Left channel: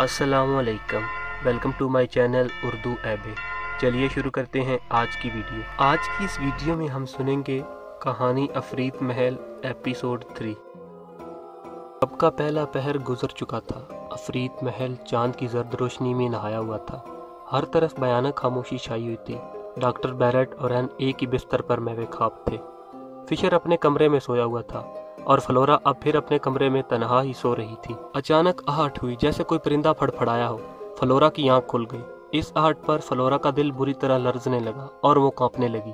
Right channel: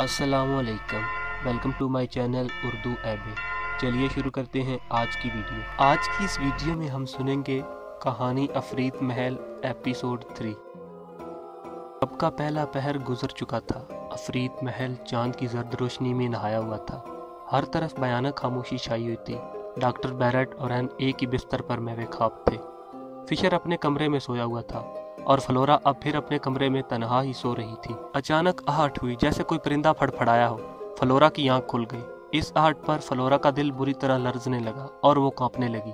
अस्सलाम वालेकुम, welcome to my channel Urdu एबे। चलिए शुरू करते हैं आज की वीडियो। आज की इस वीडियो में हम सुनेंगे कहानी अफरीत महल एपिसोड 3। अब का पहला पहर गुजर चुका था। अफरीत महल चांद की जर्द रोशनी में नहाया हुआ था। हर तरफ भयानक खामोशी छाई हुई थी। डॉक्टर बैरेट और एन एक ही बिस्तर पर महवे ख्वाब थे। फिशर अपने कमरे में सोया हुआ था और फ्लोरा अब फिर अपने कमरे में तन्हा ही सो रही थी। अचानक आहट हुई, जैसे कोई परिंदा फड़फड़ाया हो। फ्लोरा की आंख खुल गई। इस आहट पर फ्लोरा का दिल बुरी तरह लर्जने लगा और वो कांपने लगी।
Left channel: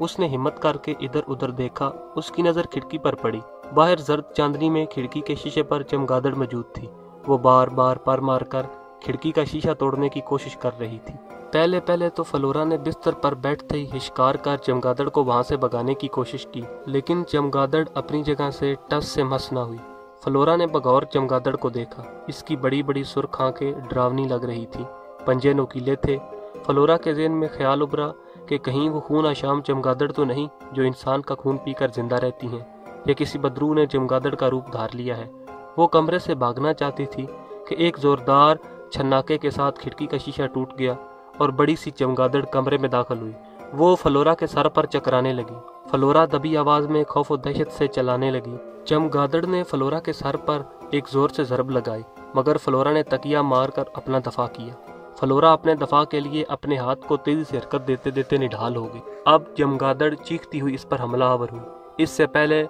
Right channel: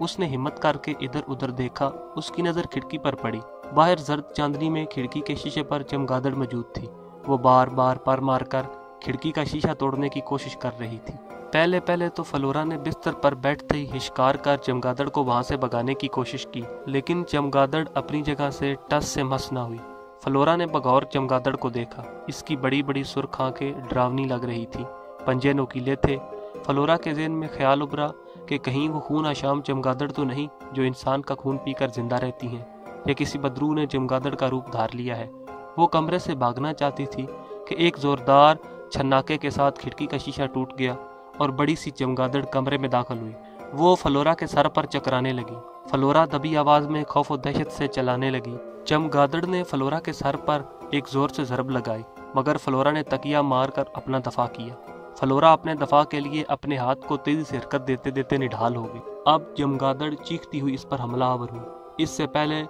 उसने हिम्मत करके इधर उधर देखा। उसकी नजर खिड़की पर पड़ी। बाहर जर्द चांदनी में खिड़की के शीशे पर चमगादड़ मौजूद थी। वो बार बार पर मारकर खिड़की का शीशा तोड़ने की कोशिश कर रही थी। पहले पहले तो फ्लोरा ने बिस्तर पर बैठते ही हिचकार कर चमगादड़ को वहां से भगाने की कोशिश की, लेकिन चमगादड़ अपनी जगह से टस से मस न हुई। फ्लोरा ने बगौर चमगादड़ को देखा। इसकी बड़ी बड़ी सुर्ख आंखें डरावनी लग रही थी, पंजे नोकीले थे। फ्लोरा के ज़हन में ख्याल उभरा कि कहीं वो खून आशाम चमगादड़ तो नहीं जो इंसान का खून पीकर जिंदा रहती हैं, या किसी बदरू ने चमगादड़ का रूप धार लिया है। वो कमरे से भागना चाहती थी कि एक जोरदार छन्नाके के साथ खिड़की का शीशा टूट गया और बड़ी सी चमगादड़ कमरे में दाखिल हुई। वो फ्लोरा के सर पर चकराने लगी। फ्लोरा दबी आवाज में खौफ और दहशत से चलाने लगी। चमगादड़ ने फ्लोरा के सर पर एक जोर से ज़रब लगाई, मगर फ्लोरा ने तकिया मारकर अपना दफा किया। फ्लोरा अपने दफा के लिए अपने हाथ को तेजी से हरकत देते देते निढाल हो गई। अब चमगादड़ चीखती हुई इस पर हमलावर हुई। इससे पहले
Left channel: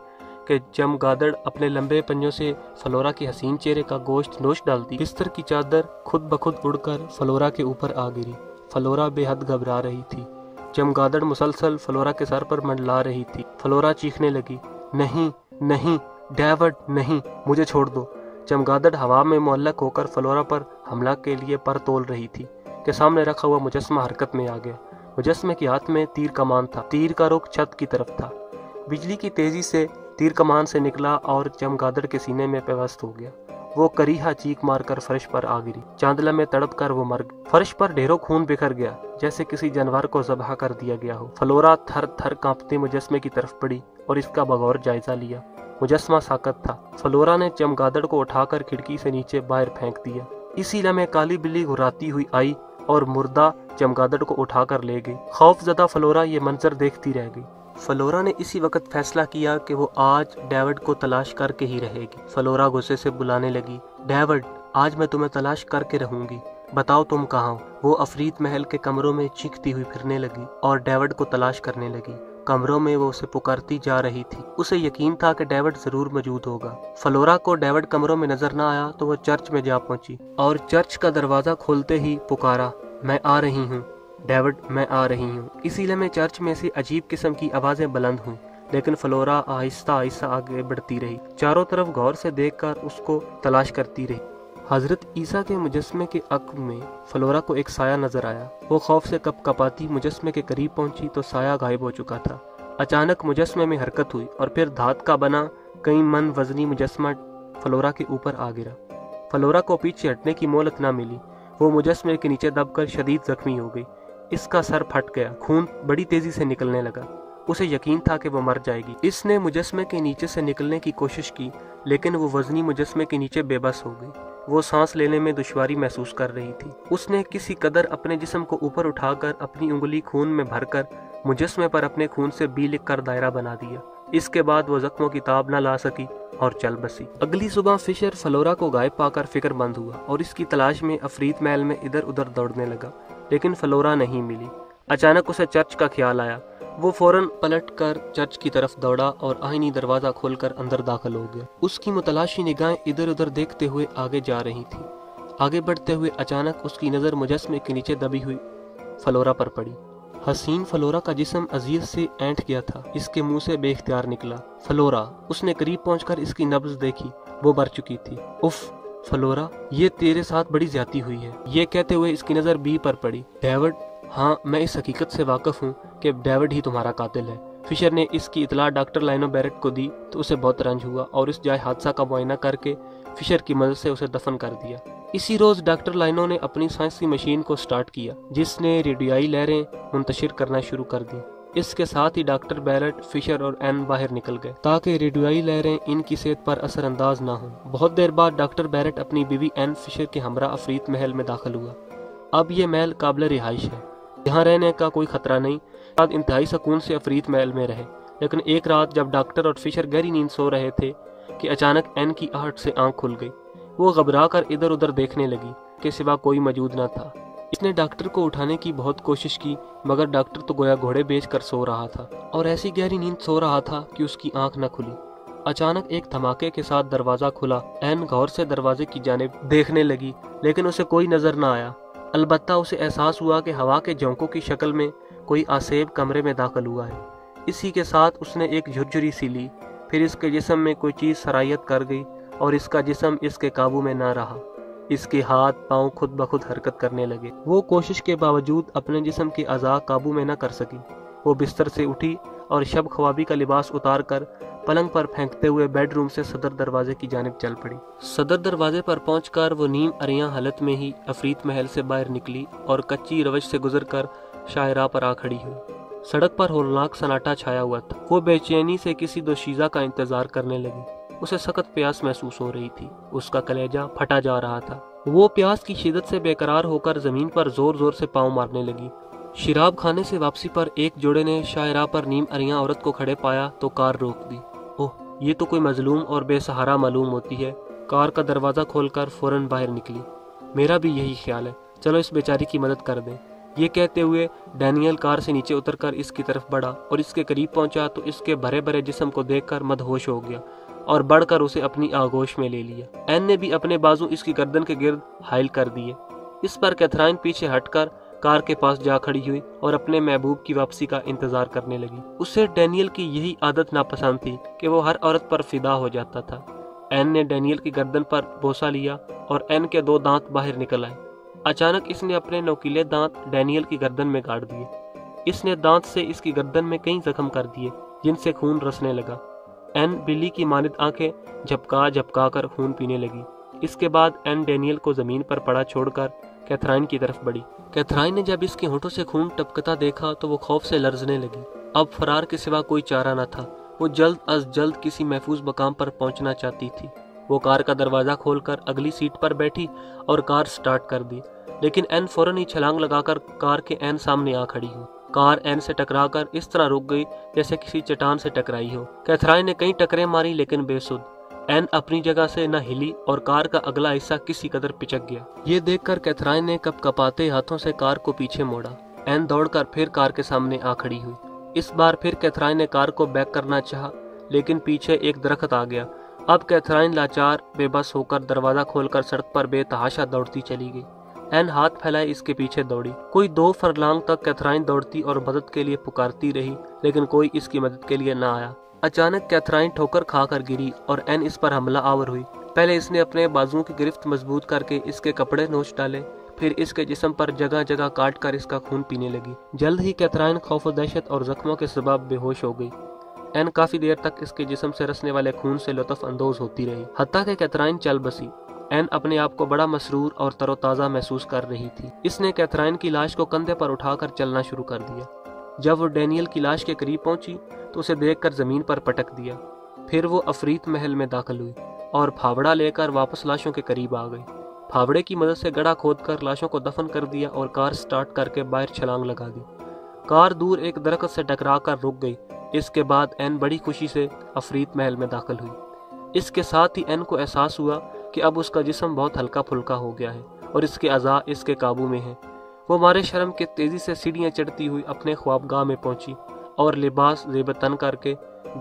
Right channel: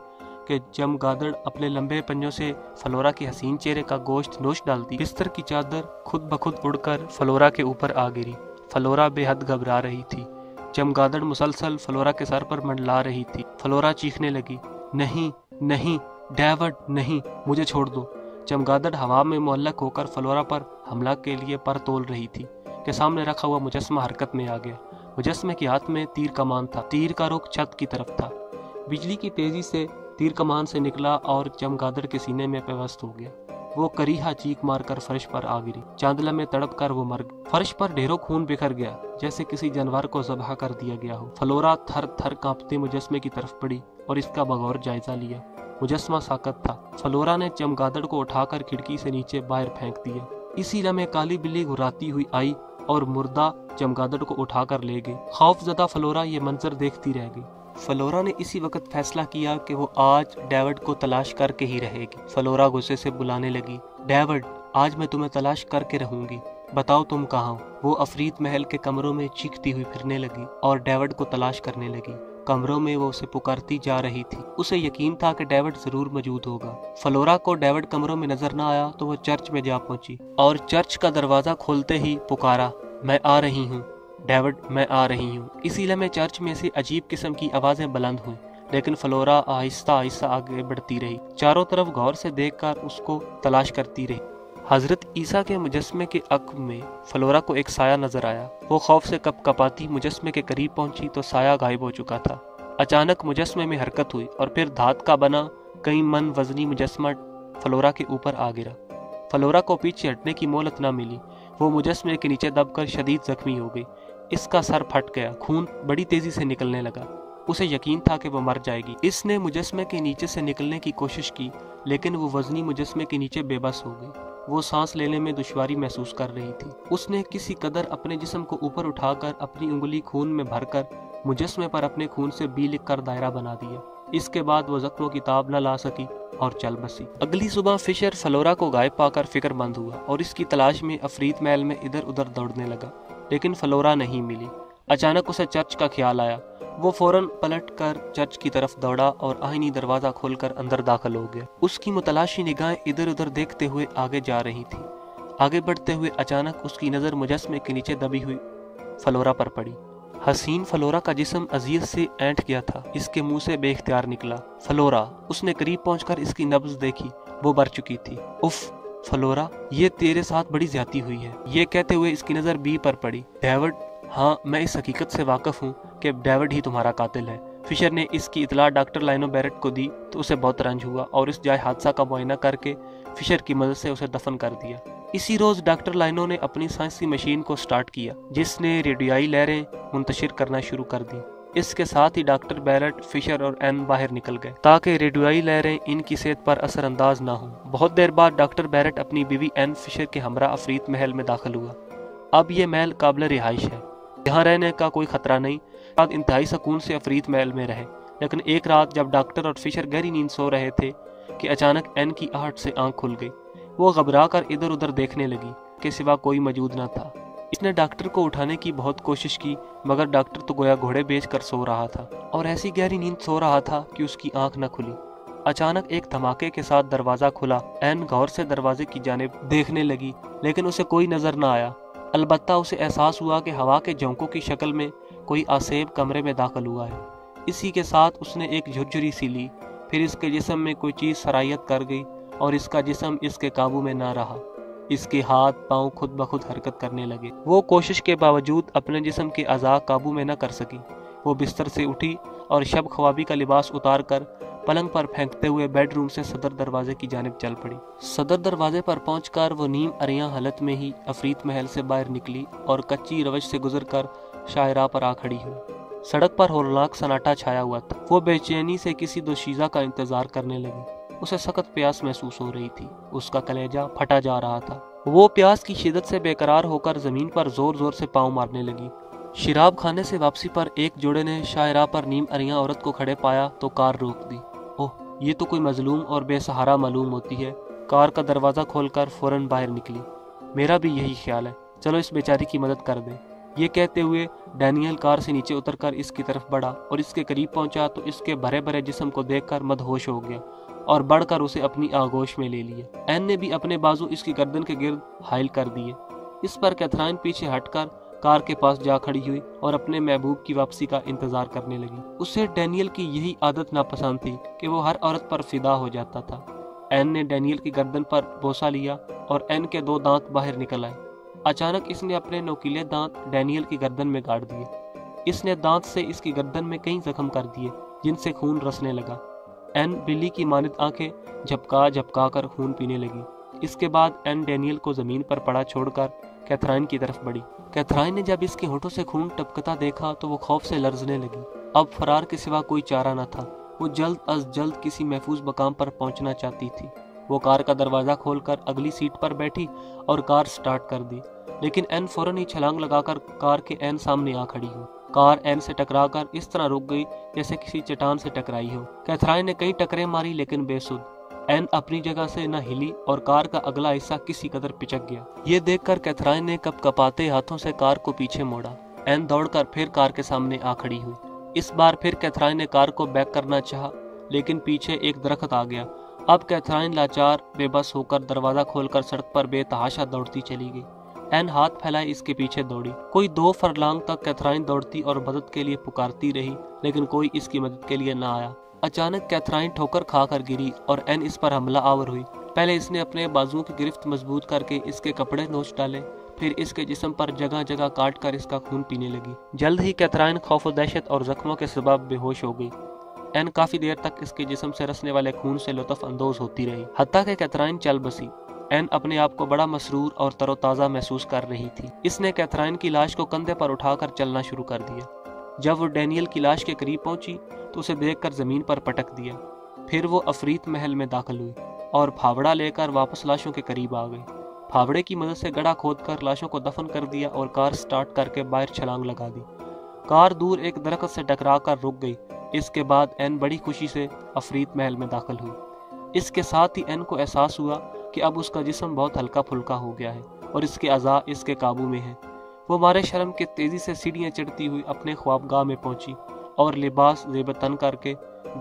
कि चमगादड़ अपने लंबे पंजों से फ्लोरा के हसीन चेहरे का गोश्त नोच डालती, बिस्तर की चादर खुद ब खुद उड़कर फ्लोरा के ऊपर आ गिरी। फ्लोरा बेहद घबरा रही थी। चमगादड़ मुसलसल फ्लोरा के सर पर मंडला रही थी। फ्लोरा चीखने लगी, नहीं नहीं डेविड नहीं, मुझे छोड़ दो। चमगादड़ हवा में मुअल्लक होकर फ्लोरा पर हमला के लिए पर तोल रही थी कि सामने रखा हुआ मुजस्मा हरकत में आ गया। मुजस्मे के हाथ में तीर कमान था। तीर का रुख छत की तरफ था। बिजली की तेजी से तीर कमान से निकला और चमगादड़ के सीने में पेवस्त हो गया। वो करीहा चीख मारकर फर्श पर आ गिरी। चांदला में तड़प कर वो मर गई। फर्श पर ढेरों खून बिखर गया, जैसे किसी जानवर को ज़बह कर दिया गया हो। फ्लोरा थर थर कांपते मुजस्मे की तरफ पड़ी और इसका बगौर जायजा लिया। मुजस्मा साकत था। फ्लोरा ने चमगादड़ को उठाकर खिड़की से नीचे बाहर फेंक दिया। इसी लम्हे काली बिल्ली घुराती हुई आई और मुर्दा चमगादड़ को उठाकर ले गई। खौफजदा फ्लोरा ये मंजर देखती रह गई। फ्लोरा ने इसी वक्त फैसला किया कि वो आज डेविड को तलाश करके ही रहेगी। फ्लोरा गुस्से से बुलाने लगी, डेविड, आज मैं तुम्हें तलाश करके रहूंगी। बताओ तुम कहाँ हो। वो अफरीत महल के कमरों में चीखती हुई फिरने लगी और डेविड को तलाश करने लगी। कमरों में वो उसे पुकारती जा रही थी। उसे यकीन था कि डेविड जरूर मौजूद होगा। फ्लोरा को डेविड कमरों में नजर न आया तो वो चर्च में जा पहुंची और चर्च का दरवाजा खोलते ही पुकारा, मैं आ रही हूँ डेविड, मैं आ रही हूँ। इसी लम्हे चर्च में से अजीब किस्म की आवाजें बुलंद हुई, लेकिन फ्लोरा आहिस्ता आहिस्ता आगे बढ़ती रही। चारों तरफ गौर से देखकर उसको तलाश करती रही। हजरत ईसा के मुजस्मे के अक्ब में फ्लोरा को एक साया नजर आया। वो खौफ से कपकपाती मुजस्मे के करीब पहुंची तो साया गायब हो चुका था। अचानक मुजस्मे में हरकत हुई और फिर धात का बना कई मन वजनी मुजस्मा फ्लोरा के ऊपर आ गिरा। फ्लोरा को पीछे हटने की मोहलत न मिली। वो मुजस्मे के नीचे दबकर शदीद जख्मी हो गई। इसका सर फट गया। खून बड़ी तेजी से निकलने लगा। उसे यकीन था कि वो मर जाएगी। इसने मुजस्मे के नीचे से निकलने की कोशिश की, लेकिन वो वजनी मुजस्मे के नीचे बेबस हो गई। वो सांस लेने में दुश्वारी महसूस कर रही थी। उसने किसी कदर अपने जिस्म को ऊपर उठाकर अपनी उंगली खून में भरकर मुजस्मे पर अपने खून से बी लिख कर दायरा बना दिया। इसके बाद वो जख्मों की ताब न ला सकी और चल बसी। अगली सुबह फिशर फ्लोरा को गायब पाकर फिक्रमंद हुआ और इसकी तलाश में अफरीत महल में इधर उधर दौड़ने लगा, लेकिन फ्लोरा नहीं मिली। अचानक उसे चर्च का ख्याल आया। वो फौरन पलटकर चर्च की तरफ दौड़ा और आईनी दरवाजा खोलकर अंदर दाखिल हो गया। उसकी मुतलाशी निगाहें इधर उधर देखते हुए आगे जा रही थी। आगे बढ़ते हुए अचानक उसकी नजर मुजस्मे के नीचे दबी हुई फ्लोरा पर पड़ी। हसीन फ्लोरा का जिस्म अजीज से ऐंठ गया था। इसके मुंह से बेख्तियार निकला, फ्लोरा। उसने करीब पहुंचकर इसकी नब्ज देखी। वो मर चुकी थी। उफ फ्लोरा, ये तेरे साथ बड़ी ज्यादती हुई है। ये कहते हुए इसकी नजर बी पर पड़ी। डेविड, हाँ, मैं इस हकीकत से वाकिफ हूँ कि डेविड ही तुम्हारा कातिल है। फिशर ने इसकी इतला डॉक्टर लाइनो बैरेट को दी तो उसे बहुत रंज हुआ और इस जाए हादसा का मुआयना करके फिशर की मदद से उसे दफन कर दिया। इसी रोज डॉक्टर लाइनो ने अपनी साइंसी मशीन को स्टार्ट किया, जिसने रेडियोई लहरें मुंतशिर करना शुरू कर दी। اس کے ساتھ ہی ڈاکٹر بیرٹ، فشر اور این باہر نکل گئے تاکہ ریڈیوائی لہریں ان کی صحت پر اثر انداز نہ ہوں۔ بہت دیر بعد ڈاکٹر بیرٹ اپنی بیوی این فشر کے ہمراہ افریت محل میں داخل ہوا۔ اب یہ محل قابل رہائش ہے، یہاں رہنے کا کوئی خطرہ نہیں۔ بعد انتہائی سکون سے افریت محل میں رہے، لیکن ایک رات جب ڈاکٹر اور فشر گہری نیند سو رہے تھے کہ اچانک این کی آہٹ سے آنکھ کھل گئی۔ وہ گھبرا کر ادھر ادھر دیکھنے لگی کہ سوا کوئی موجود نہ تھا۔ اس نے ڈاکٹر کو اٹھانے کی بہت کوشش کی، مگر ڈاکٹر تو گویا گھوڑے بیچ کر سو رہا تھا اور ایسی گہری نیند سو رہا تھا کہ اس کی آنکھ نہ کھلی۔ اچانک ایک دھماکے کے ساتھ دروازہ کھلا۔ این غور سے دروازے کی جانب دیکھنے لگی، لیکن اسے کوئی نظر نہ آیا۔ البتہ اسے احساس ہوا کہ ہوا کے جھونکوں کی شکل میں کوئی آسیب کمرے میں داخل ہوا ہے۔ اسی کے ساتھ اس نے ایک جھرجھری سی لی، پھر اس کے جسم میں کوئی چیز سرایت کر گئی اور اس کا جسم اس کے قابو میں نہ رہا۔ اس کے ہاتھ پاؤں خود بخود حرکت کرنے لگے۔ وہ کوشش کے باوجود اپنے جسم کے اعضاء قابو میں نہ کر سکی۔ وہ بستر سے اٹھی اور شب خوابی کا لباس اتار کر پلنگ پر پھینکتے ہوئے بیڈ روم سے صدر دروازے کی جانب چل پڑی۔ صدر دروازے پر پہنچ کر وہ نیم اریاں حالت میں ہی افریت محل سے باہر نکلی اور کچی روش سے گزر کر شاہراہ پر آ کھڑی ہوئی۔ سڑک پر ہولناک سناٹا چھایا ہوا تھا۔ وہ بے چینی سے کسی دوشیزہ کا انتظار کرنے لگی۔ اسے سخت پیاس محسوس ہو رہی تھی، اس کا کلیجہ پھٹا جا رہا تھا۔ وہ پیاس کی شدت سے بے قرار ہو کر زمین پر زور زور سے پاؤں مارنے لگی۔ شراب کھانے سے واپسی پر ایک جوڑے نے شاہراہ پر نیم اریاں عورت کو کھڑے پایا تو کار روک دی۔ اوہ، یہ تو کوئی مظلوم اور بے سہارا معلوم ہوتی ہے۔ کار کا دروازہ کھول کر فوراً باہر نکلی۔ میرا بھی یہی خیال ہے، چلو اس بیچاری کی مدد کر دیں۔ یہ کہتے ہوئے ڈینیل کار سے نیچے اتر کر اس کی طرف بڑھا اور اس کے قریب پہنچا تو اس کے بھرے بھرے جسم کو دیکھ کر مدہوش ہو گیا اور بڑھ کر اسے اپنی آغوش میں لے لیا۔ این نے بھی اپنے بازو اس کی گردن کے گرد حائل کر دیے۔ اس پر کیتھرائن پیچھے ہٹ کر کار کے پاس جا کھڑی ہوئی اور اپنے محبوب کی واپسی کا انتظار کرنے لگی۔ اسے ڈینیل کی یہی عادت ناپسند تھی کہ وہ ہر عورت پر فدا ہو جاتا تھا۔ این نے ڈینیل کی گردن پر بوسہ لیا اور این کے 2 دانت باہر نکل آئے۔ اچانک اس نے اپنے نوکیلے دانت ڈینیل کی گردن میں گاڑ دیے۔ اس نے دانت سے اس کی گردن میں کئی زخم کر دیے جن سے خون رسنے لگا۔ این بلی کی مانند آنکھیں جھپکا جھپکا کر خون پینے لگی۔ اس کے بعد این ڈینیل کو زمین پر پڑا چھوڑ کر کیتھرائن کی طرف بڑھی۔ کیتھرائن نے جب اس کے ہونٹوں سے خون ٹپکتا دیکھا تو وہ خوف سے لرزنے لگی۔ اب فرار کے سوا کوئی چارہ نہ تھا۔ وہ جلد از جلد کسی محفوظ مقام پر پہنچنا چاہتی تھی۔ وہ کار کا دروازہ کھول کر اگلی سیٹ پر بیٹھی اور کار سٹارٹ کر دی، لیکن این فوراً ہی چھلانگ لگا کر کار کے این سامنے آ کھڑی ہوئی۔ کار این سے ٹکرا کر اس طرح رک گئی جیسے کسی چٹان سے ٹکرائی ہو۔ کیتھرائن نے کئی ٹکریں ماری لیکن بے سود۔ این اپنی جگہ سے نہ ہلی اور کار کا اگلا حصہ کسی قدر پچک گیا۔ یہ دیکھ کر کیتھرائن نے کپ کپاتے ہاتھوں سے کار کو پیچھے موڑا۔ این دوڑ کر پھر کار کے سامنے آ کھڑی ہوئی۔ اس بار پھر کیتھرائن نے کار کو بیک کرنا چاہا، لیکن پیچھے ایک درخت آ گیا۔ اب کیتھرائن لاچار بے بس ہو کر دروازہ کھول کر سڑک پر بے تحاشا دوڑتی چلی گئی۔ این ہاتھ پھیلائے اس کے پیچھے دوڑی۔ کوئی 2 فرلانگ تک کیتھرائن دوڑتی اور مدد کے لیے پکارتی رہی، لیکن کوئی اس کی مدد کے لیے نہ آیا۔ اچانک کیتھرائن ٹھوکر کھا کر گری اور این اس پر حملہ آور ہوئی۔ پہلے اس نے اپنے بازوؤں کی گرفت مضبوط کر کے اس کے کپڑے نوچ ڈالے، پھر اس کے جسم پر جگہ جگہ کاٹ کر اس کا خون پینے لگی۔ جلد ہی کیتھرائن خوف و دہشت اور زخموں کے سبب بے ہوش ہو گئی۔ این کافی دیر تک اس کے جسم سے رسنے والے خون سے لطف اندوز ہوتی رہی، حتیٰ کہ کیتھرائن چل بسی۔ این اپنے آپ کو بڑا مسرور اور تر و تازہ محسوس کر رہی تھی۔ اس نے کیتھرائن کی لاش کو کندھے پر اٹھا کر چلنا شروع کر دیا۔ جب وہ ڈینیل کی لاش کے قریب پہنچی تو اسے دیکھ کر زمین پر پٹک دیا۔ پھر وہ افریت محل میں داخل ہوئی اور پھاوڑا لے کر واپس لاشوں کے قریب آ گئی۔ پھاوڑے کی مدد سے گڑھا کھود کر لاشوں کو دفن کر دیا اور کار سٹارٹ کر کے باہر چھلانگ لگا دی۔ کار دور ایک درخت سے ٹکرا کر رک گئی۔ اس کے بعد این بڑی خوشی سے افریت محل میں داخل ہوئی۔ اس کے ساتھ ہی این کو احساس ہوا کہ اب اس کا جسم بہت ہلکا پھلکا ہو گیا ہے اور اس کے اعضاء اس کے قابو میں ہیں۔ وہ مارے شرم کے تیزی سے سیڑھیاں چڑھتی ہوئی اپنے خوابگاہ میں پہنچی اور لباس زیب تن کر کے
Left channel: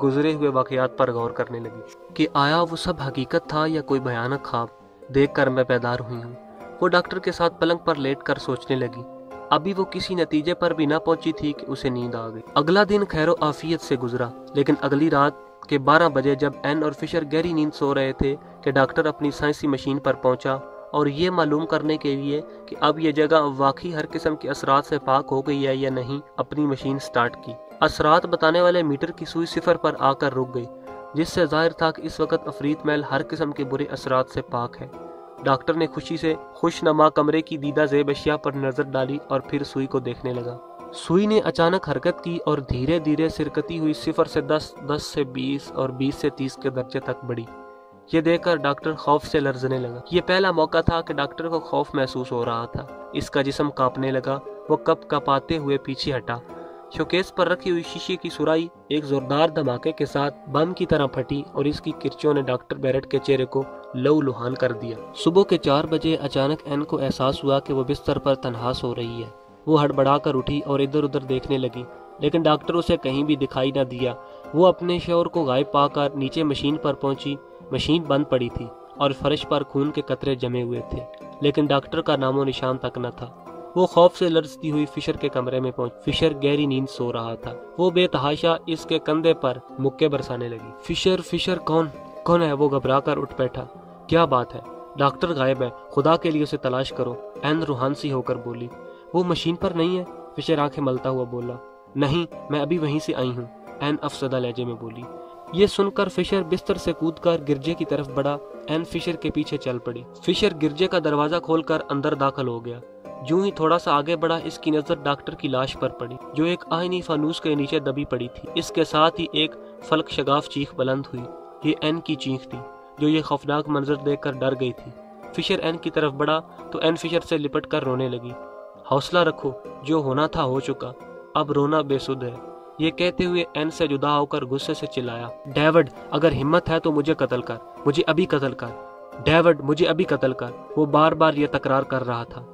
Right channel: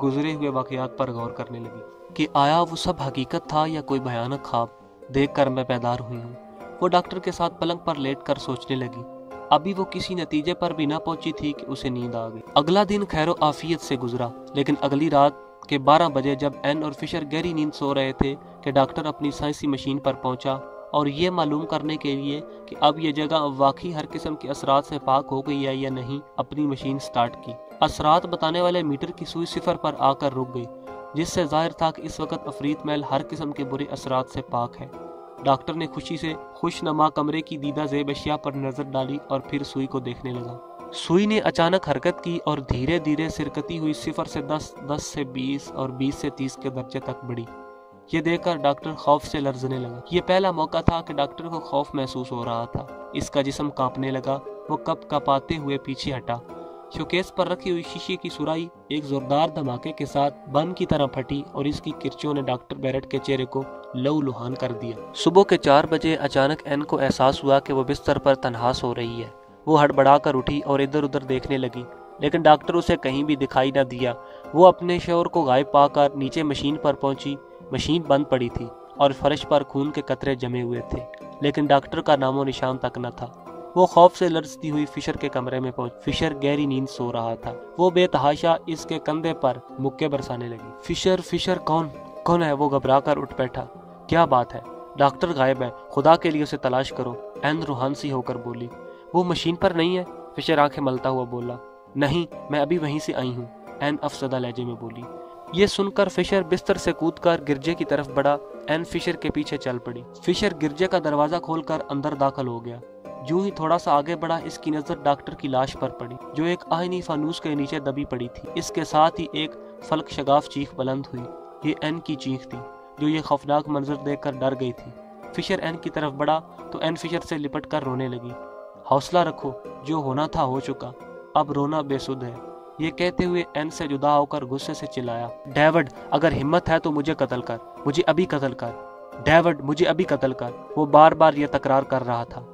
گزرے ہوئے واقعات پر غور کرنے لگی کہ آیا وہ سب حقیقت تھا یا کوئی بھیانک خواب دیکھ کر میں بیدار ہوئی ہوں۔ وہ ڈاکٹر کے ساتھ پلنگ پر لیٹ کر سوچنے لگی۔ ابھی وہ کسی نتیجے پر بھی نہ پہنچی تھی کہ اسے نیند آ گئی۔ اگلا دن خیر و عافیت سے گزرا، لیکن اگلی رات کے 12 بجے جب این اور فشر گہری نیند سو رہے تھے کہ ڈاکٹر اپنی سائنسی مشین پر پہنچا اور یہ معلوم کرنے کے لیے کہ اب یہ جگہ واقعی ہر قسم کے اثرات سے پاک ہو گئی ہے یا نہیں، اپنی مشین سٹارٹ کی۔ اثرات بتانے والے میٹر کی سوئی 0 پر آ کر رک گئی، جس سے ظاہر تھا کہ اس وقت افریت محل ہر قسم کے برے اثرات سے پاک ہے۔ ڈاکٹر نے خوشی سے خوش نما کمرے کی دیدہ زیب اشیاء پر نظر ڈالی اور پھر سوئی کو دیکھنے لگا۔ सुई ने अचानक हरकत की और धीरे धीरे सिरकती हुई 0 से 10, 10 से 20 और 20 से 30 के दर्जे तक बढ़ी। ये देखकर डॉक्टर खौफ से लरजने लगा। ये पहला मौका था कि डॉक्टर को खौफ महसूस हो रहा था। इसका जिस्म कांपने लगा। वो कप कपाते हुए पीछे हटा। शोकेस पर रखी हुई शीशे की सुराही एक जोरदार धमाके के साथ बम की तरह फटी और इसकी किरचों ने डॉक्टर बैरेट के चेहरे को लहूलुहान कर दिया। सुबह के 4 बजे अचानक एन को एहसास हुआ कि वो बिस्तर पर तन्हा सो रही है। वो हड़बड़ाकर उठी और इधर उधर देखने लगी, लेकिन डॉक्टर उसे कहीं भी दिखाई न दिया। वो अपने शोहर को गायब पाकर नीचे मशीन पर पहुंची। मशीन बंद पड़ी थी और फर्श पर खून के कतरे जमे हुए थे, लेकिन डॉक्टर का नामो निशान तक न था। वो खौफ से लरजती हुई फिशर के कमरे में पहुंच। फिशर गहरी नींद सो रहा था। वो बेतहाशा इसके कंधे पर मुक्के बरसाने लगी। फिशर कौन है? वो घबराकर उठ बैठा। क्या बात है? डॉक्टर गायब है, खुदा के लिए उसे तलाश करो, एन रूहान सी होकर बोली। वो मशीन पर नहीं है? फिशर आंखें मलता हुआ बोला। नहीं, मैं अभी वहीं से आई हूँ, एन अफसरदा लहजे में बोली। ये सुनकर फिशर बिस्तर से कूदकर गिरजे की तरफ बढ़ा। एन फिशर के पीछे चल पड़ी। फिशर गिरजे का दरवाजा खोलकर अंदर दाखिल हो गया। जो ही थोड़ा सा आगे बढ़ा, इसकी नजर डॉक्टर की लाश पर पड़ी, जो एक आईनी फानूस के नीचे दबी पड़ी थी। इसके साथ ही एक फलक शगाफ चीख बुलंद हुई। ये एन की चीख थी, जो ये खौफनाक मंजर देखकर डर गई थी। फिशर एन की तरफ बढ़ा तो एन फिशर से लिपट कर रोने लगी। हौसला रखो, जो होना था हो चुका, अब रोना बेसुध है। ये कहते हुए एन से जुदा होकर गुस्से से चिल्लाया, डेविड, अगर हिम्मत है तो मुझे कत्ल कर, मुझे अभी कत्ल कर, डेविड, मुझे अभी कत्ल कर। वो बार बार ये तकरार कर रहा था।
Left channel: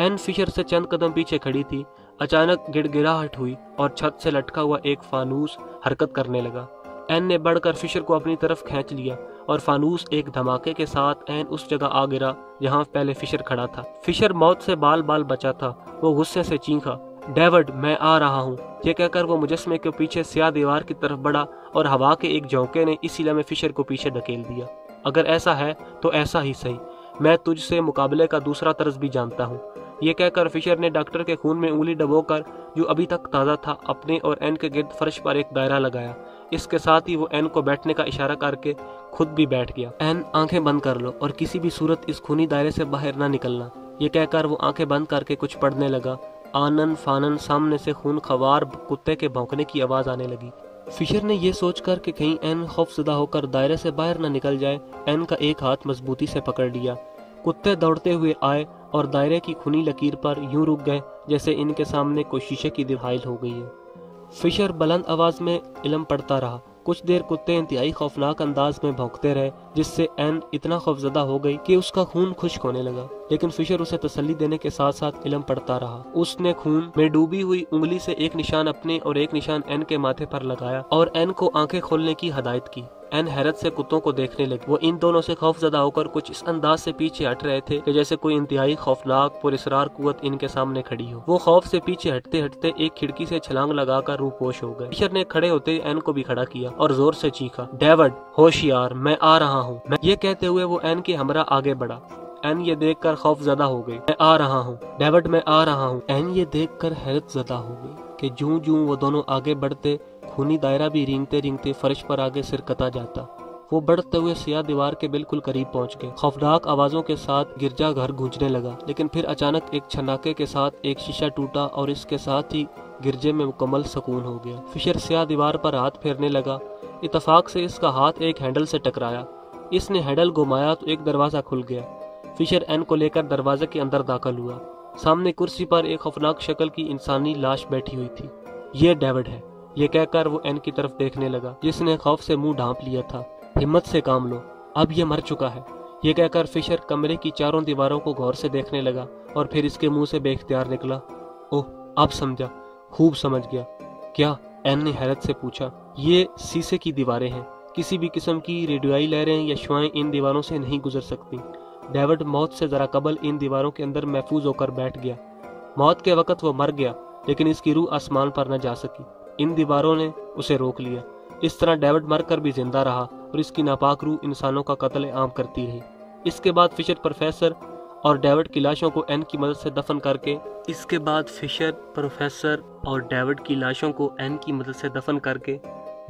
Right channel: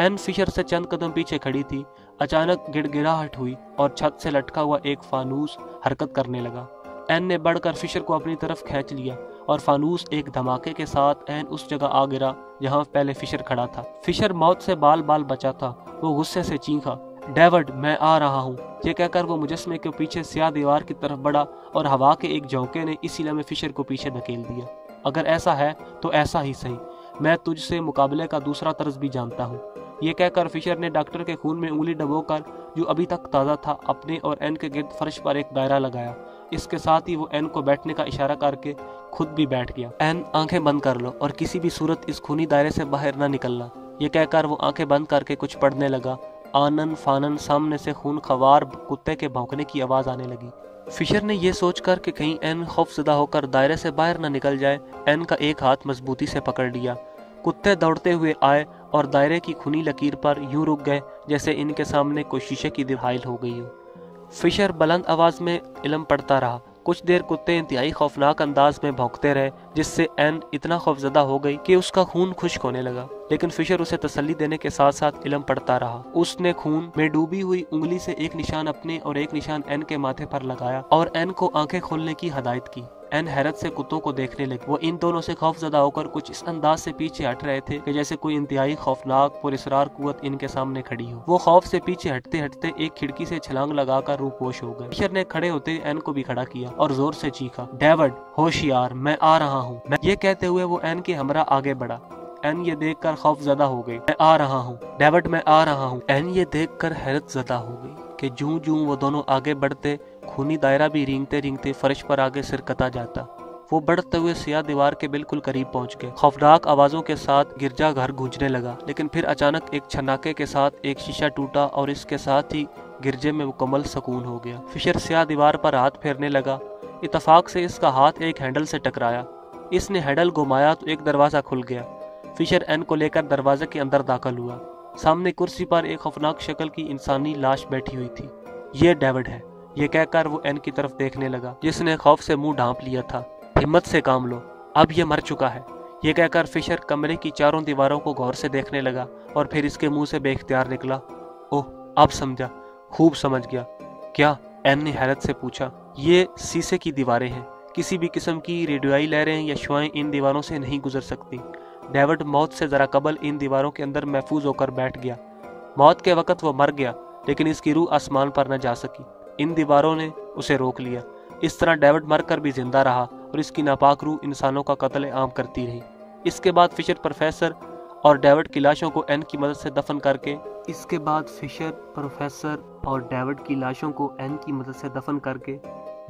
एन फिशर से चंद कदम पीछे खड़ी थी। अचानक गिड़गिड़ाहट हुई और छत से लटका हुआ एक फानूस हरकत करने लगा। एन ने बढ़कर फिशर को अपनी तरफ खींच लिया और फानूस एक धमाके के साथ एन उस जगह आ गिरा जहां पहले फिशर खड़ा था। फिशर मौत से बाल बाल बचा था। वो गुस्से से चीखा, डेविड, मैं आ रहा हूँ। ये कहकर वो मुजस्मे के पीछे स्याह दीवार की तरफ बढ़ा और हवा के एक झोंके ने इसी लम्हे फिशर को पीछे धकेल दिया। अगर ऐसा है तो ऐसा ही सही, मैं तुझसे मुकाबले का दूसरा तर्ज भी जानता हूँ। ये कहकर फिशर ने डॉक्टर के खून में उंगली डबोकर, जो अभी तक ताज़ा था, अपने और एन के गिर्द फर्श पर एक दायरा लगाया। इसके साथ ही वो एन को बैठने का इशारा करके खुद भी बैठ गया। एन, आंखें बंद कर लो और किसी भी सूरत इस खूनी दायरे से बाहर ना निकलना। ये कहकर वो आंखें बंद करके कुछ पढ़ने लगा। आनन फानन सामने से खून खवार कुत्ते के भौंकने की आवाज आने लगी। फिशर ने यह सोचकर कि कहीं एन खौफजदा होकर दायरे से बाहर न निकल जाए, एन का एक हाथ मजबूती से पकड़ लिया। कुत्ते दौड़ते हुए आए और दायरे की खुनी लकीर पर यूं रुक गए जैसे इनके सामने कोई शीशे की दीवार हो गई हो। फिशर बुलंद आवाज में इल्म पढ़ता रहा। कुछ देर कुत्ते इंतहाई खौफनाक अंदाज में भौंकते रहे, जिससे एन इतना खौफजदा हो गई कि उसका खून खुश्क होने लगा। लेकिन फिशर उसे तसल्ली देने के साथ साथ इल्म पढ़ता रहा। उसने खून में डूबी हुई उंगली से एक निशान अपने और एक निशान एन के माथे पर लगाया और एन को आंखें खोलने की हदायत की। एन हैरत से कुत्तों को देखने लगे। वो इन दोनों से खौफजदा होकर कुछ इस अंदाज से पीछे हट रहे थे कि जैसे कोई इंतहाई खौफनाक पुरस्रार कुव्वत इनके सामने खड़ी हो। वो खौफ से पीछे हटते हटते एक खिड़की से छलांग लगाकर रूपोश हो गए। फिशर ने खड़े होते एन को भी खड़ा किया और जोर से चीखा, डेविड, होशियार, मैं आ रहा हूँ। ये कहते हुए वो एन के हमरा आगे बढ़ा। एन ये देखकर खौफजदा हो गई। मैं आ रहा हूँ, डेविड, मैं आ रहा हूँ। एन ये देखकर हैरत ज़दा हो गई कि जूं जूं वो दोनों आगे बढ़ते, खूनी दायरा भी रेंगते रेंगते फर्श पर आगे सिरकता जाता। वो बढ़ते हुए सियाह दीवार के बिल्कुल करीब पहुंच गए। खौफनाक आवाजों के साथ गिरजा घर गूंजने लगा, लेकिन फिर अचानक एक छनाके के साथ एक शीशा टूटा और इसके साथ ही गिरजे में मुकम्मल सुकून हो गया। फिशर सियाह दीवार पर हाथ फेरने लगा। इत्तफाक से इसका हाथ एक हैंडल से टकराया। इसने हैंडल घुमाया तो एक दरवाजा खुल गया। फिशर एन को लेकर दरवाजे के अंदर दाखिल हुआ। सामने कुर्सी पर एक खौफनाक शक्ल की इंसानी लाश बैठी हुई थी। ये डेविड है, ये कहकर वो एन की तरफ देखने लगा, जिसने खौफ से मुंह ढांप लिया था। हिम्मत से काम लो, अब ये मर चुका है। ये कहकर फिशर कमरे की चारों दीवारों को गौर से देखने लगा और फिर इसके मुंह से बेख्तियार निकला, ओह, अब समझा, खूब समझ गया। क्या? एन ने हैरत से पूछा। ये शीशे की दीवारें हैं। किसी भी किस्म की रेडियोई लहरें या शुआएं इन दीवारों से नहीं गुजर सकती। डेविड मौत से जरा कबल इन दीवारों के अंदर महफूज होकर बैठ गया। मौत के वक्त वो मर गया, लेकिन इसकी रूह आसमान पर न जा सकी। इन दीवारों ने उसे रोक लिया। इस तरह डेविड मरकर भी जिंदा रहा और इसकी नापाक रूह इंसानों का कत्ल आम करती रही। इसके बाद फिशर प्रोफेसर और डेविड की लाशों को एन की मदद से दफन करके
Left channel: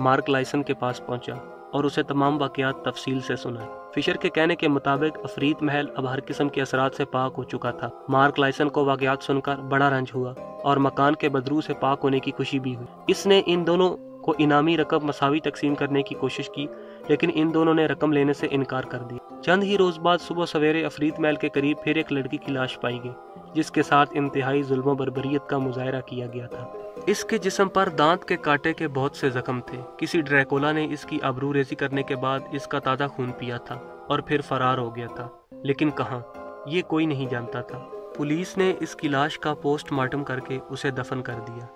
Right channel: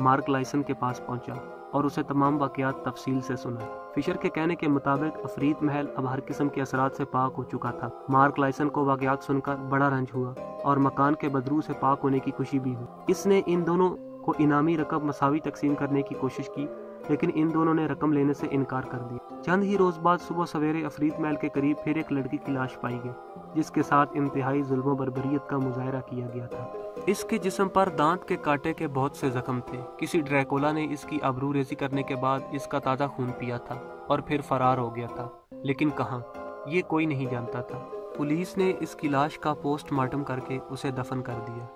मार्क लाइसन के पास पहुंचा। اور اسے تمام واقعات تفصیل سے سنائے۔ فشر کے کہنے کے مطابق افریت محل اب ہر قسم کے اثرات سے پاک ہو چکا تھا۔ مارک لائسن کو واقعات سن کر بڑا رنج ہوا اور مکان کے بدبو سے پاک ہونے کی خوشی بھی ہوئی۔ اس نے ان دونوں کو انعامی رقم مساوی تقسیم کرنے کی کوشش کی، لیکن ان دونوں نے رقم لینے سے انکار کر دیا۔ چند ہی روز بعد صبح سویرے افریت محل کے قریب پھر ایک لڑکی کی لاش پائی گئی، جس کے ساتھ انتہائی ظلم و بربریت کا مظاہرہ کیا گیا تھا۔ اس کے جسم پر دانت کے کانٹے کے بہت سے زخم تھے۔ کسی ڈریکولا نے اس کی آبرو ریزی کرنے کے بعد اس کا تازہ خون پیا تھا اور پھر فرار ہو گیا تھا، لیکن کہاں، یہ کوئی نہیں جانتا تھا۔ پولیس نے اس کی لاش کا پوسٹ مارٹم کر کے اسے دفن کر دیا۔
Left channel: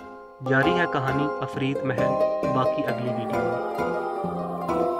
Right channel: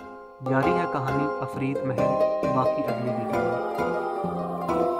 جاری ہے کہانی افریت محل، باقی اگلی ویڈیو میں۔